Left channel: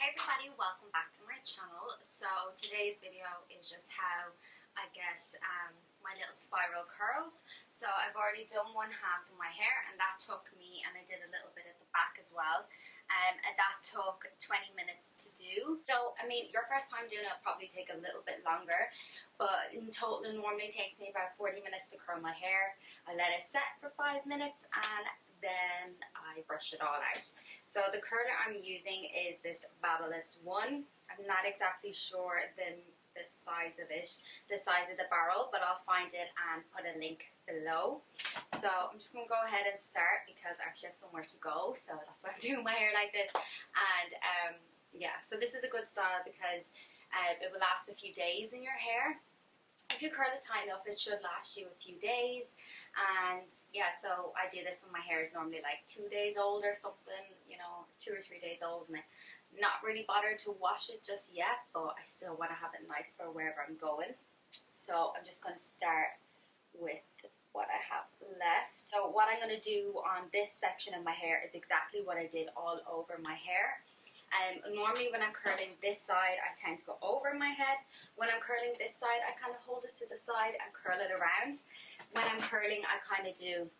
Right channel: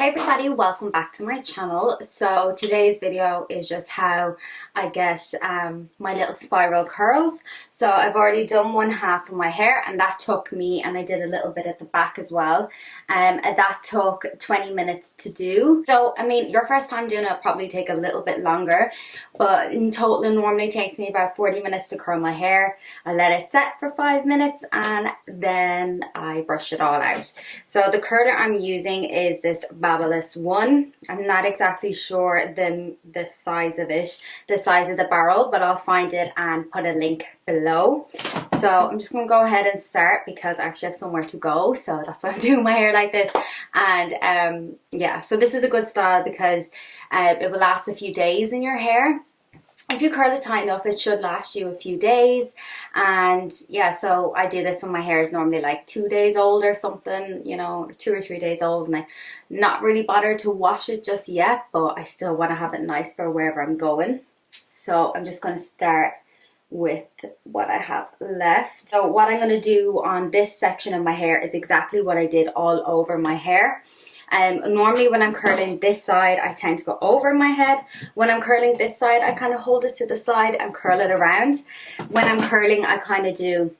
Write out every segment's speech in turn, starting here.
Hey everybody, welcome back to my channel. So today's video is just how I get my little spiral curls. So I've already done one half of my hair and that took me, and I did a little bit at the back as well, and that took 20 minutes to do. So I mean, your first time doing it will probably take a little bit longer, but in total it normally takes me about 40 minutes to curl my hair. I let it set for 5 minutes and then I brush it all out. So the curler I'm using is this Babyliss one. I'm not exactly sure the size of it, the size of the barrel, but I'll find it and put a link below. So I'm just going to go ahead and start because I actually have somewhere to go, so that's why I'm doing my hair like this. And yeah, so this is a good style because it will last a few days in your hair. If you curl it tight enough, it should last you a few days. And yeah, so I do this when my hair is normally like 2 days old or something, you know, 2 or 3 days old, and I'm not really bothered to wash it just yet, but I still want to have it nice for wherever I'm going. So I'm just going to start with what I have left. So what I'm going to do on this section of my hair is exactly what I did all over my hair. Normally when I'm curling this side, I tend to go over my head. When I'm curling this side, I kind of hold it to the side and curl it around. When I'm curling, I kind of do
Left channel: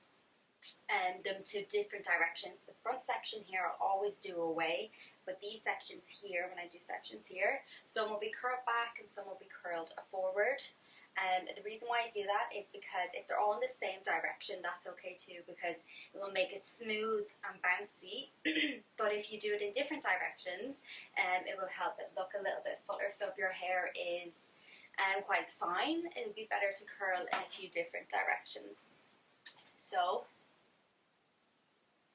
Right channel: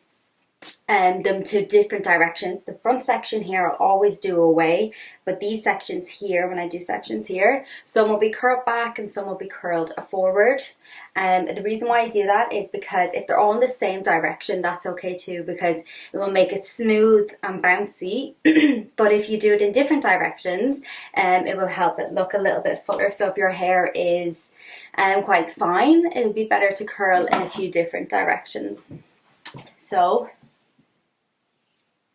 them to different directions. The front section here I'll always do away, but these sections here, when I do sections here, some will be curled back and some will be curled forward. The reason why I do that is because if they're all in the same direction, that's okay too, because it will make it smooth and bouncy. But if you do it in different directions, it will help it look a little bit fuller. So if your hair is quite fine, it'll be better to curl in a few different directions. So,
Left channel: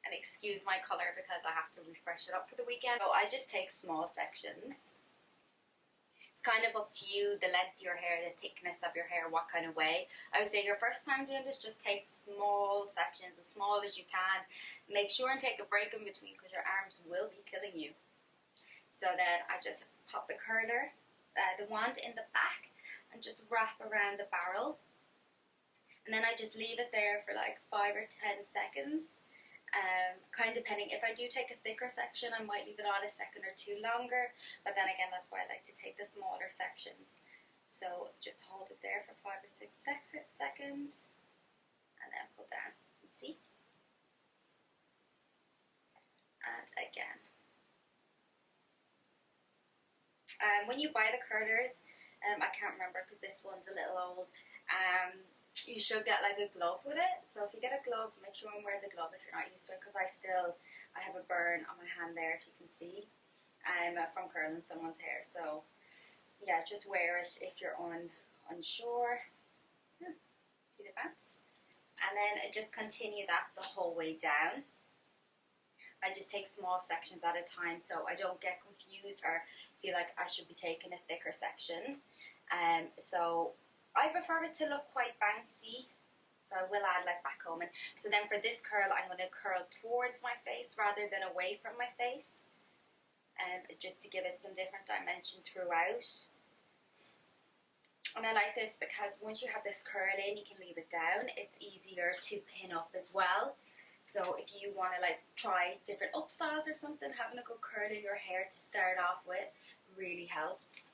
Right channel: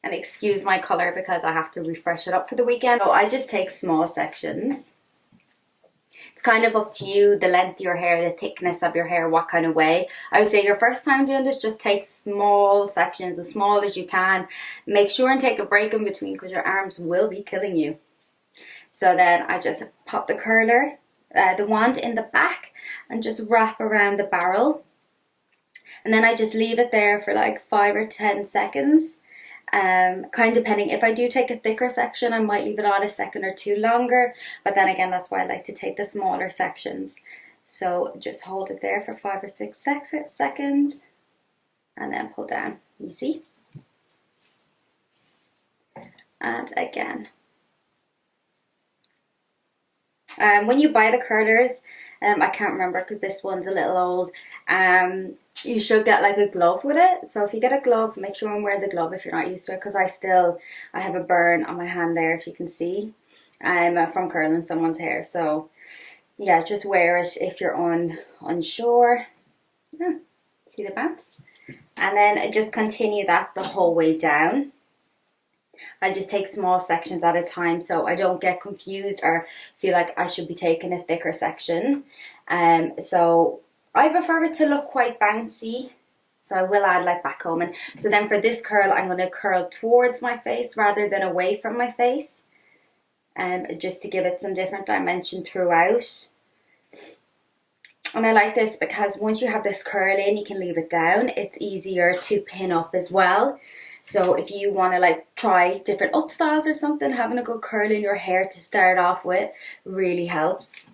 and excuse my color because I have to refresh it up for the weekend. So I just take small sections. It's kind of up to you, the length of your hair, the thickness of your hair, what kind of way. I would say your first time doing this, just take small sections, as small as you can. Make sure and take a break in between because your arms will be killing you. So then I just pop the curler, the wand in the back, and just wrap around the barrel. And then I just leave it there for like 5 or 10 seconds. Kind of depending. If I do take a thicker section, I might leave it on a second or two longer, but then again, that's why I like to take the smaller sections. So just hold it there for 5 or 6 seconds and then pull down. You see? And again. When you buy the curlers, I can't remember because this one's a little old, you should get like a glove with it. So if you get a glove, make sure and wear the glove if you're not used to it, because I have a burn on my hand there, if you can see, from curling someone's hair. So yeah, just wear it if you're unsure. Yeah, see the bounce? And then just continue that the whole way down. I just take small sections at a time so I don't get confused or feel like I should be taking a thicker section. So I prefer it to look quite bouncy, so I will add like backcombing. So then for this curl, I'm going to curl towards my face rather than away from my face, just to give it some different dimension throughout. And I like this because once you have this curl in, you can leave it down. It's easier to pin up as well. So if you want to like try different up styles or something, having a good curl in your hair to start off with really helps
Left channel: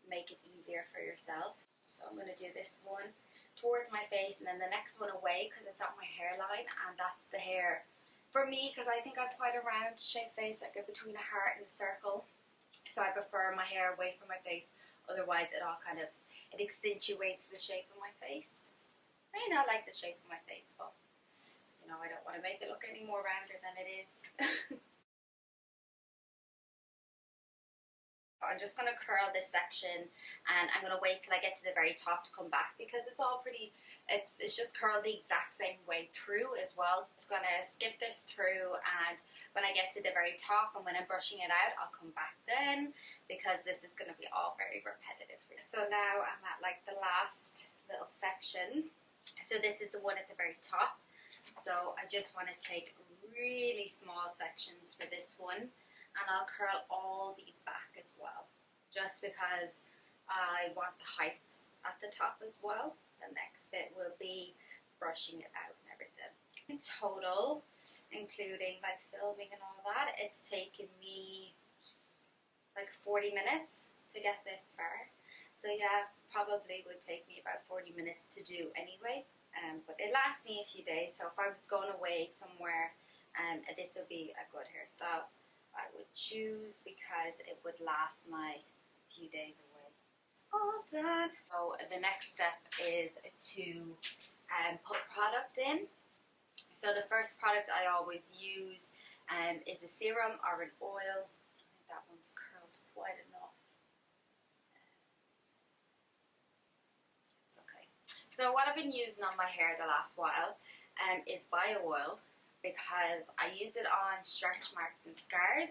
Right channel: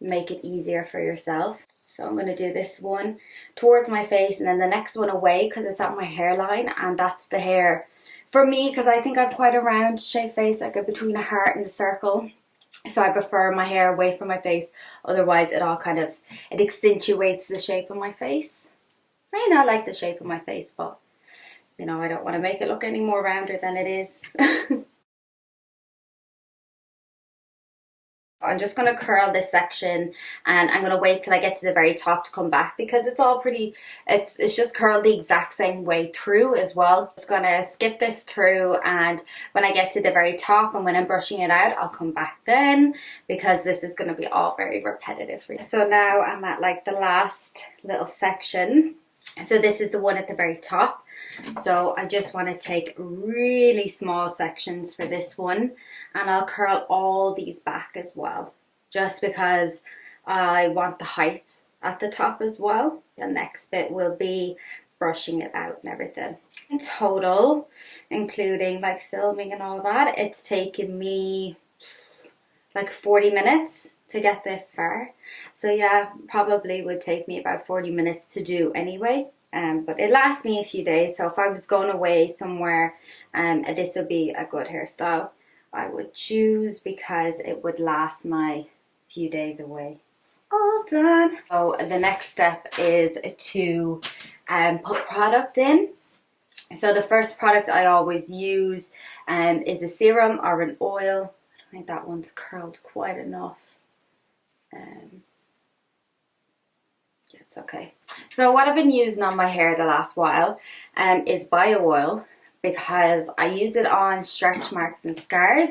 make it easier for yourself. So I'm going to do this one towards my face and then the next one away because it's at my hairline, and that's the hair for me because I think I've quite a round shaped face, like between a heart and a circle. So I prefer my hair away from my face, otherwise it all kind of, it accentuates the shape of my face. I may not like the shape of my face, but you know, I don't want to make it look any more rounder than it is. I'm just going to curl this section and I'm going to wait till I get to the very top to come back because it's all pretty, it's just curled the exact same way through as well. Just going to skip this through, and when I get to the very top and when I'm brushing it out, I'll come back then because this is going to be all very repetitive for you. So now I'm at like the last little section. So this is the one at the very top. So I just want to take really small sections for this one, and I'll curl all these back as well, just because I want the height at the top as well. The next bit will be brushing it out and everything. In total, including like filming and all that, it's taken me like 40 minutes to get this far. So yeah, probably would take me about 40 minutes to do anyway. But it lasts me a few days. So if I was going away somewhere, this would be a good hairstyle I would choose because it would last my few days away. All done. So the next step is to put product in. So the first product I always use is a serum or an oil. I think that one's curled quite enough. Yeah, it's okay. So what I've been using on my hair the last while is bio oil, because I use it on stretch marks and scars,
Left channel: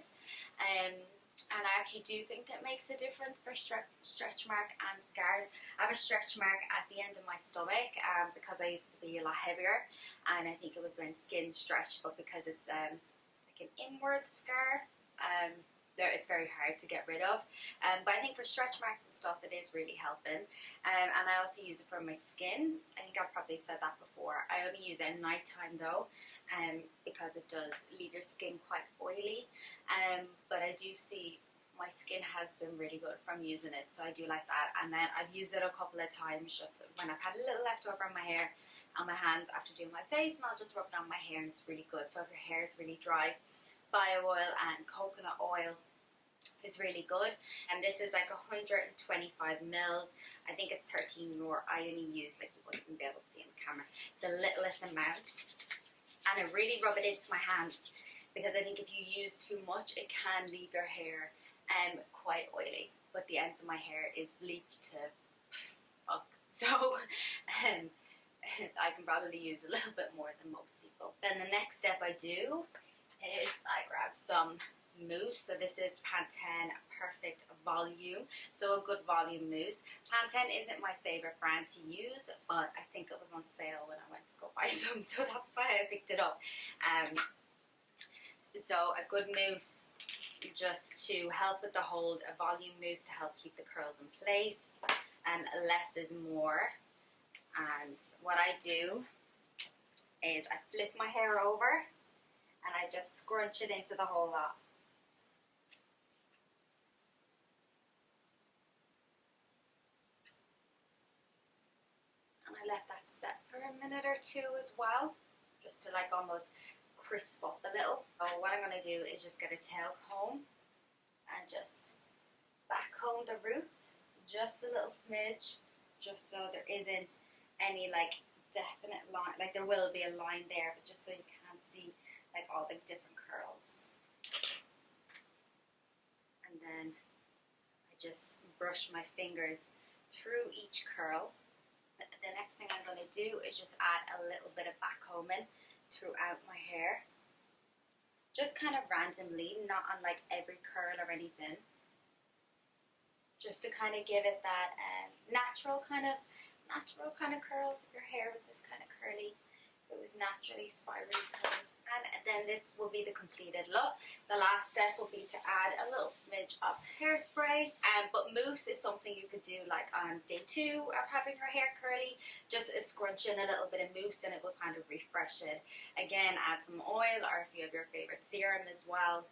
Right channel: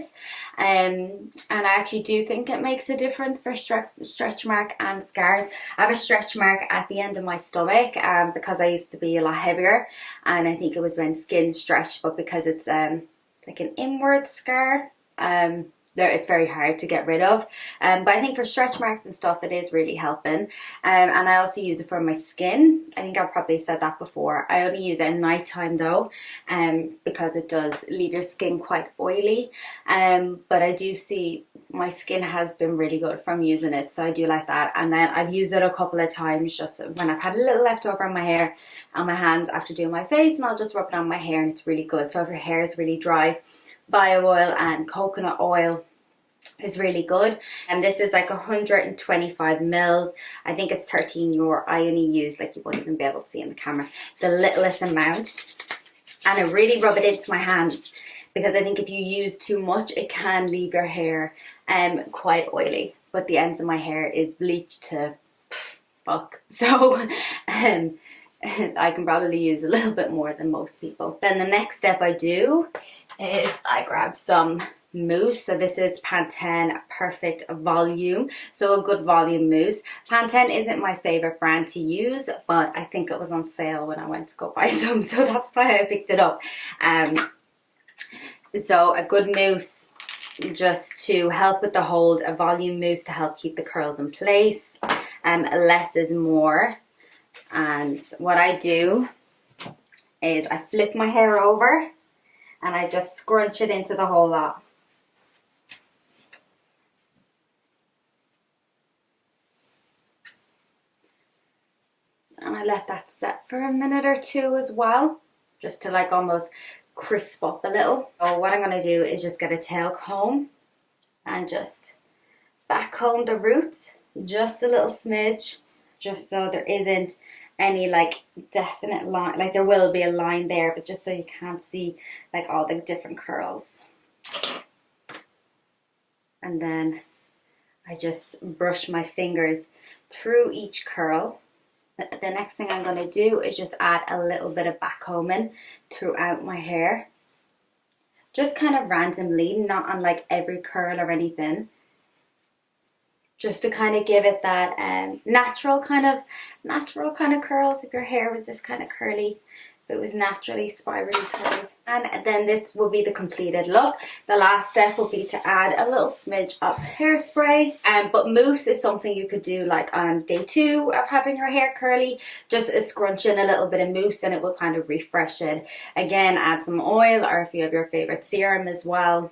and I actually do think it makes a difference for stretch mark and scars. I have a stretch mark at the end of my stomach because I used to be a lot heavier, and I think it was when skin stretched, but because it's like an inward scar, it's very hard to get rid of, but I think for stretch marks and stuff it is really helping. And I also use it for my skin. I think I've probably said that before. I only use it at night time though, because it does leave your skin quite oily, but I do see my skin has been really good from using it, so I do like that. And then I've used it a couple of times just when I've had a little leftover on my hair and my hands after doing my face, and I'll just rub it on my hair and it's really good. So if your hair is really dry, bio oil and coconut oil is really good. And this is like 125 mils. I think it's 13 euro. I only use, like, you won't even be able to see in the camera, the littlest amount, and I really rub it into my hands, because I think if you use too much it can leave your hair quite oily, but the ends of my hair is bleached to fuck, so I can probably use a little bit more than most people. Then the next step I do is I grab some mousse. So this is Pantene Perfect Volume, so a good volume mousse. Pantene isn't my favorite brand to use, but I think it was on sale when I went to go buy some, so that's why I picked it up. So a good mousse just to help with the hold, a volume mousse to help keep the curls in place. Less is more. And what I do is I flip my hair over and I just scrunch it into the whole lot. And I let that set for a minute or two as well, just to like almost crisp up a little. So what I'm going to do is just get a tail comb and just back comb the roots just a little smidge, just so there isn't any like definite line. Like there will be a line there, but just so you can't see like all the different curls. And then I just brush my fingers through each curl. The next thing I'm going to do is just add a little bit of back combing throughout my hair, just kind of randomly, not on like every curl or anything, just to kind of give it that natural kind of curls. If your hair was this kind of curly, if it was naturally spirally curly. And then this will be the completed look. The last step will be to add a little smidge of hairspray. But mousse is something you could do like on day 2 of having your hair curly. Just scrunch in a little bit of mousse and it will kind of refresh it. Again, add some oil, or if you have your favorite serum as well.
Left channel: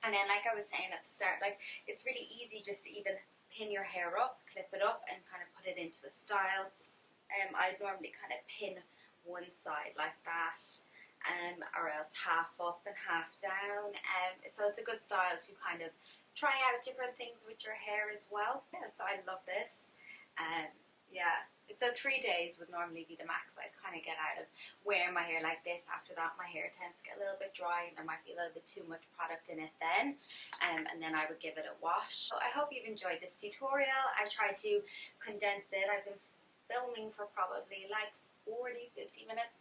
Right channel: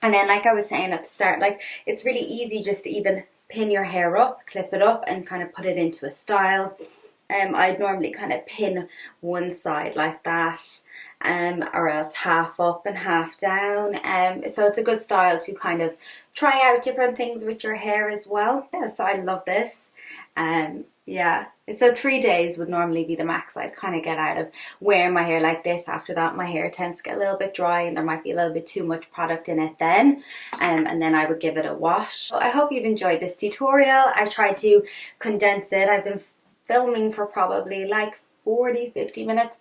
And then, like I was saying at the start, like it's really easy just to even pin your hair up, clip it up and kind of put it into a style. I'd normally kind of pin one side like that, or else half up and half down. So it's a good style to kind of try out different things with your hair as well. Yeah, so I love this. Yeah, so 3 days would normally be the max I'd kind of get out of wearing my hair like this. After that my hair tends to get a little bit dry and there might be a little bit too much product in it then, and then I would give it a wash. So I hope you've enjoyed this tutorial. I tried to condense it. I've been filming for probably like 40-50 minutes,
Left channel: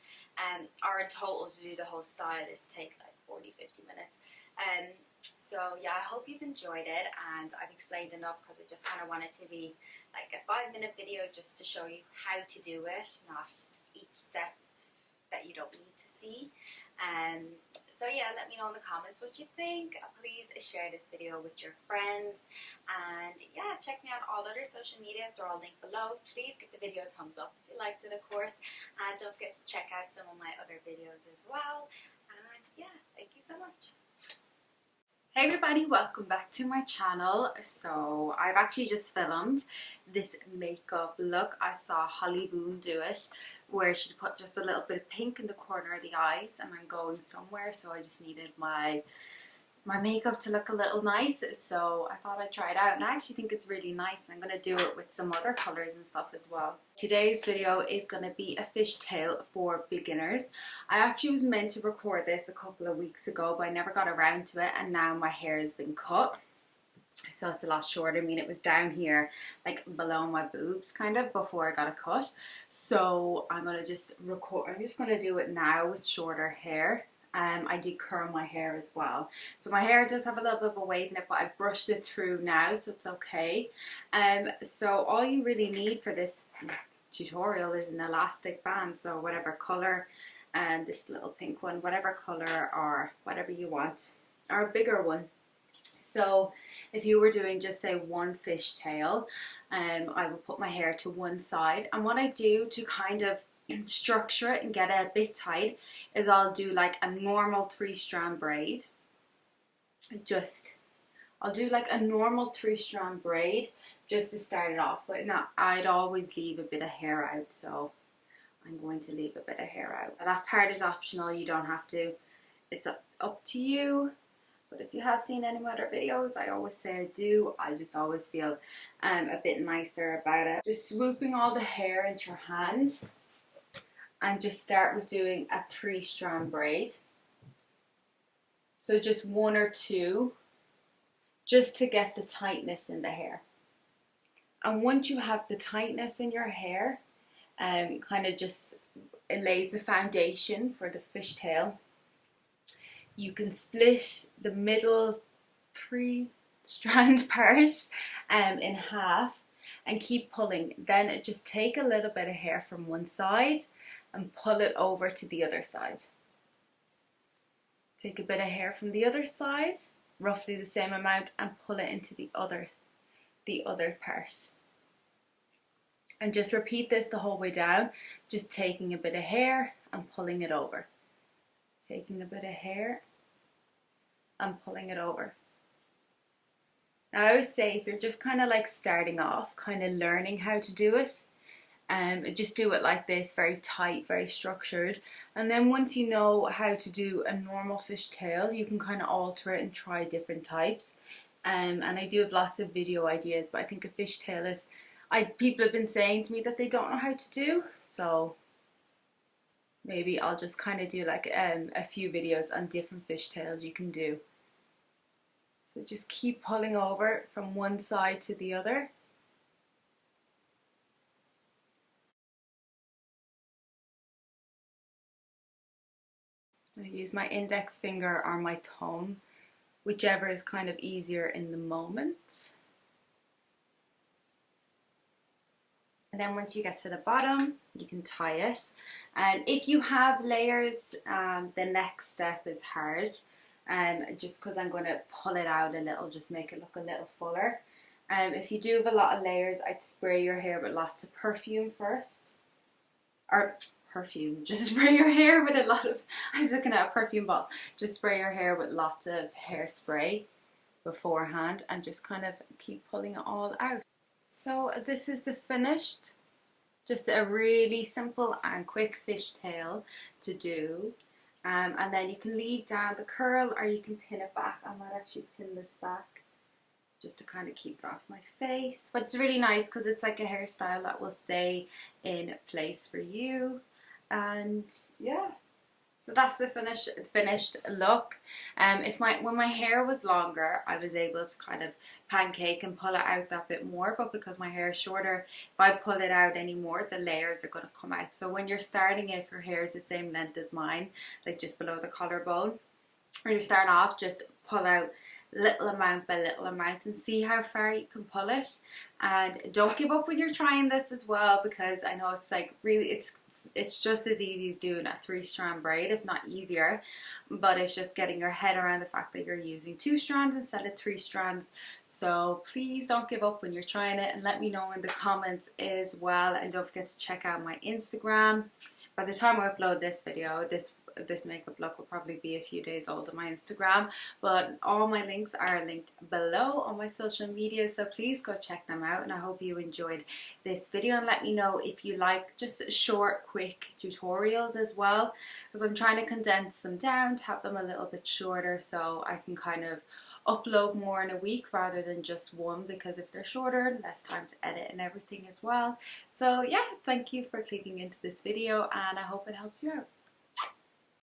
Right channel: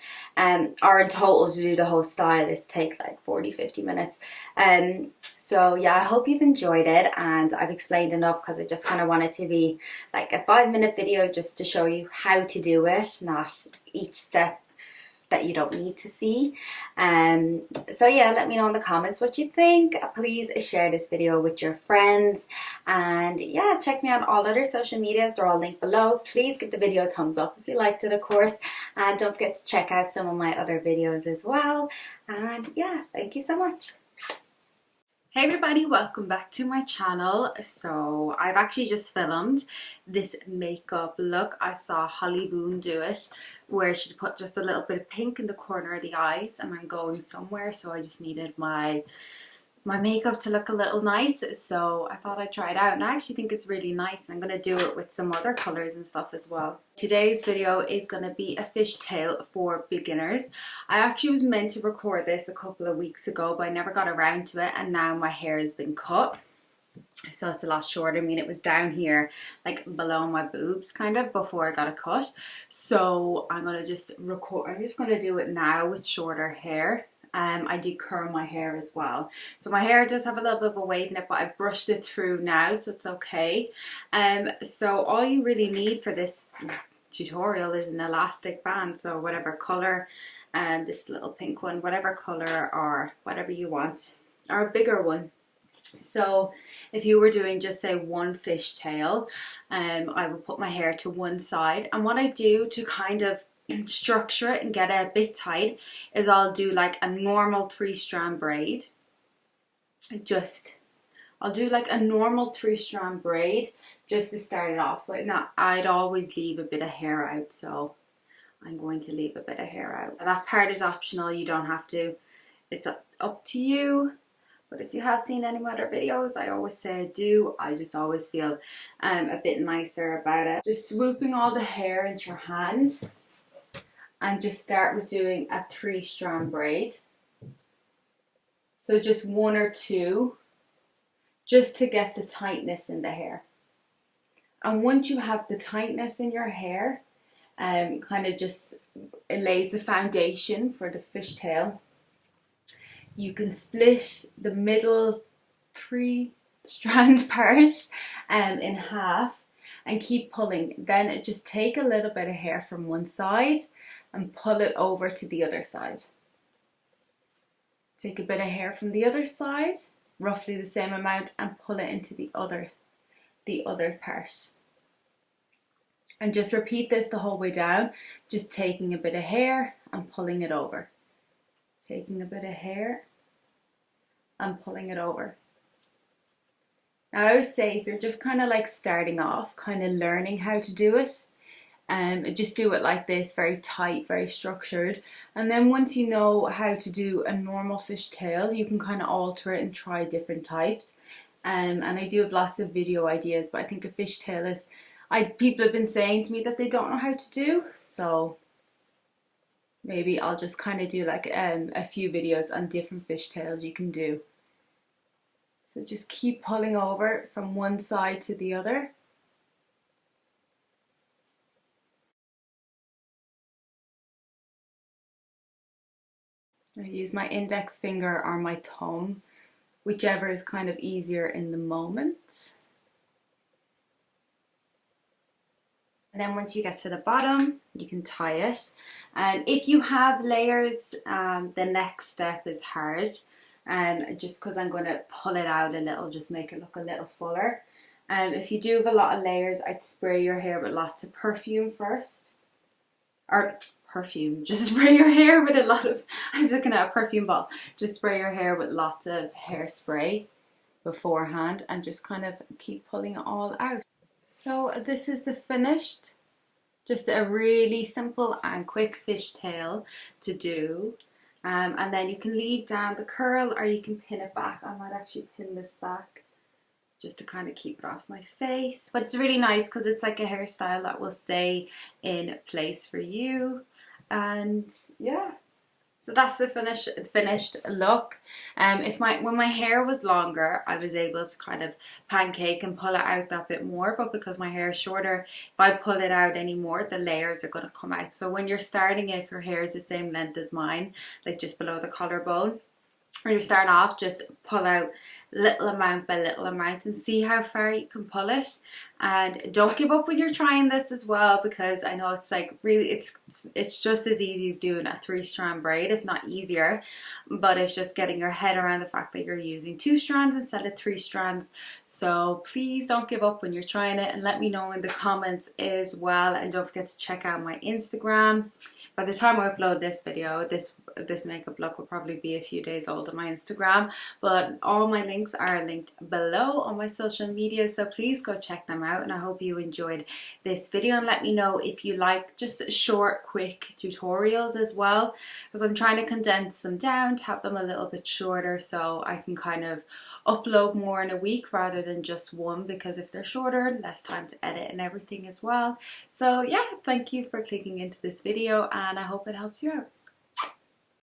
or in total to do the whole style this takes like 40-50 minutes. So yeah, I hope you've enjoyed it and I've explained enough, because I just kind of wanted to be like a 5-minute video just to show you how to do it, not each step that you don't need to see. So yeah, let me know in the comments what you think. Please share this video with your friends, and yeah, check me on all other social medias. They're all linked below. Please give the video a thumbs up if you liked it, of course, and don't forget to check out some of my other videos as well. And yeah, thank you so much. Hey everybody, welcome back to my channel. So I've actually just filmed this makeup look. I saw Holly Boone do it where she put just a little bit of pink in the corner of the eyes, and I'm going somewhere, so I just needed my makeup to look a little nice, so I thought I'd try it out, and I actually think it's really nice. I'm going to do it with some other colors and stuff as well. Today's video is going to be a fishtail for beginners. I actually was meant to record this a couple of weeks ago, but I never got around to it, and now my hair has been cut, so it's a lot shorter. I mean, it was down here like below my boobs kind of before I got a cut, so I'm going to just record. I'm just going to do it now with shorter hair. I do curl my hair as well, so my hair does have a little bit of a wave in it, but I've brushed it through now, so it's okay. So all you really need for this tutorial is an elastic band, so whatever color, and this little pink one, whatever color or whatever you want, or a bigger one. So if you were doing just say one fishtail, I would put my hair to one side, and what I do to kind of structure it and get it a bit tight is I'll do like a normal 3-strand braid. I'll do like a normal 3-strand braid just to start it off with. Now I'd always leave a bit of hair out, so I'm going to leave a bit of hair out. That part is optional, you don't have to, it's up to you. But if you have seen any of my other videos, I always say I do. I just always feel a bit nicer about it. Just swooping all the hair into your hand, and just start with doing a 3-strand braid. So just 1 or 2, just to get the tightness in the hair. And once you have the tightness in your hair, kind of just it lays the foundation for the fishtail. You can split the middle 3-strand part in half and keep pulling. Then just take a little bit of hair from one side and pull it over to the other side. Take a bit of hair from the other side, roughly the same amount, and pull it into the other part. And just repeat this the whole way down, just taking a bit of hair and pulling it over. Taking a bit of hair and pulling it over. Now I always say if you're just kind of like starting off, kind of learning how to do it, just do it like this, very tight, very structured, and then once you know how to do a normal fishtail, you can kind of alter it and try different types. And I do have lots of video ideas, but I think a fishtail is, people have been saying to me that they don't know how to do, so maybe I'll just kind of do like a few videos on different fishtails you can do. So just keep pulling over from one side to the other. I use my index finger or my thumb, whichever is kind of easier in the moment. And then once you get to the bottom, you can tie it. And if you have layers, the next step is hard. Just because I'm going to pull it out a little, just make it look a little fuller. If you do have a lot of layers, I'd spray your hair with lots of perfume first. Or perfume, just spray your hair with a lot of, I was looking at a perfume bottle. Just spray your hair with lots of hairspray beforehand and just kind of keep pulling it all out. So this is the finished, just a really simple and quick fishtail to do. And then you can leave down the curl or you can pin it back. I might actually pin this back just to kind of keep it off my face. But it's really nice because it's like a hairstyle that will stay in place for you. And yeah, so that's the finished look. When my hair was longer, I was able to kind of pancake and pull it out that bit more, but because my hair is shorter, if I pull it out anymore, the layers are going to come out. So when you're starting, if your hair is the same length as mine, like just below the collarbone, when you're starting off, just pull out little amount by little amount and see how far you can pull it. And don't give up when you're trying this as well, because I know it's like really it's just as easy as doing a 3-strand braid, if not easier, but it's just getting your head around the fact that you're using 2 strands instead of 3 strands. So please don't give up when you're trying it, and let me know in the comments as well. And don't forget to check out my Instagram. By the time I upload this video, this this makeup look will probably be a few days old on my Instagram, but all my links are linked below on my social media, so please go check them out. And I hope you enjoyed this video, and let me know if you like just short quick tutorials as well, because I'm trying to condense them down to have them a little bit shorter so I can kind of upload more in a week rather than just one, because if they're shorter, less time to edit and everything as well. So yeah, thank you for clicking into this video, and I hope it helps you out.